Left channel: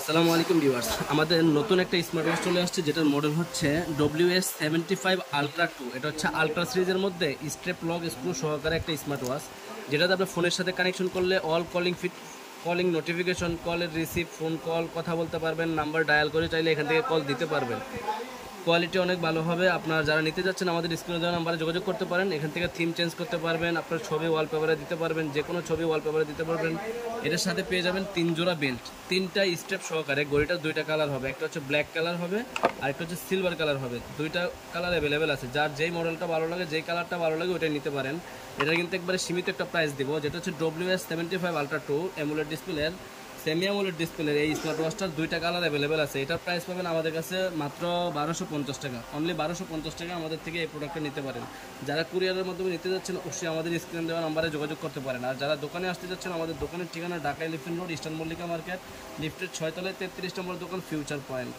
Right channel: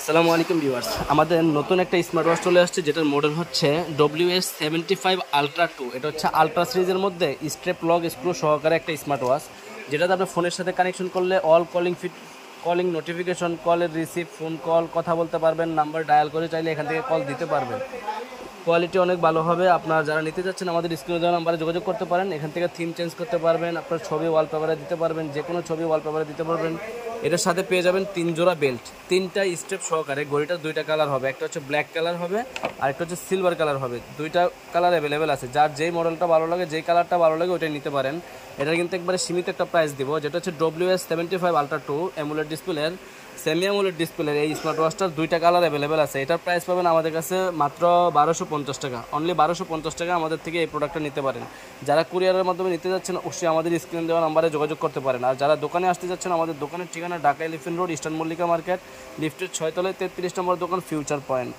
আসসালামু আলাইকুম ভিউয়ার্স, আমাদের নতুন একটা স্মার্ট ওয়াচ চলে আসছে যেটার মডেল হচ্ছে WS75 আলট্রা 2। এটা হচ্ছে আলট্রা সিরিজের মধ্যে স্ট্রেপ লক স্ক্রু সহকারে একটা স্মার্ট ওয়াচ, যেটাতে আপনার ফোনের সাথে কানেকশন করলে অল কলিং নোটিফিকেশন, কলের রিসিভ, ফোন কল, কথা বলতে পারবেন, নাম্বার ডায়াল করে চাইলে এখান থেকে কল দিতে পারবেন। কোয়ালিটি অনেক ভালো হবে। আপনারা যারা নিতে যাচ্ছেন আমাদের স্ক্রিনে দেওয়া নাম্বারে যোগাযোগ করতে পারেন। এখান থেকে থিম চেঞ্জ করতে পারবেন, আপনার ছবি ওয়ালপেপারে দিতে পারবেন, যে কোনো ছবি ওয়ালপেপারে দিতে পারবেন। এটার সাথে পেয়ে যাবেন 3 জোড়া বেল্ট, 3টা স্টেপ সহকারে। ঘড়িটার 2টা কালার হবে, একটা হচ্ছে ব্ল্যাক কালার হবে আর একটা হচ্ছে সিলভার কালার হবে। 2টা কালার অ্যাভেলেবেল আছে, যার যেই মডেলটা ভালো লাগে, যেই কালারটা ভালো লাগে ওইটাই নিতে পারেন। এটার কিন্তু একবারে সীমিত একটা প্রাইস দিব, যেটা হচ্ছে WS75 আলট্রা 2 অ্যামোলেড ডিসপ্লের, সেমি অ্যামোলেড ডিসপ্লের এই স্মার্ট ওয়াচটার 2টা কালার অ্যাভেলেবেল আছে। এটার প্রাইস পাবেন আমাদের কাছে মাত্র 1250 টাকা, অনলি 1250 টাকা আমাদের থেকে এই প্রোডাক্টটা নিতে পারেন। যারা কুরিয়ারের মাধ্যমে নিতে যাচ্ছেন অবশ্যই আমাদের স্ক্রিন দেওয়া নাম্বারে যোগাযোগ করতে পারেন। আর যারা দোকানে আসতে যাচ্ছেন, আমাদের দোকানের ঠিকানা Dhaka elephant road, eastern Mallika market, লিফটের 6 তলায় 33 নম্বর দোকান, ফিউচার পয়েন্ট।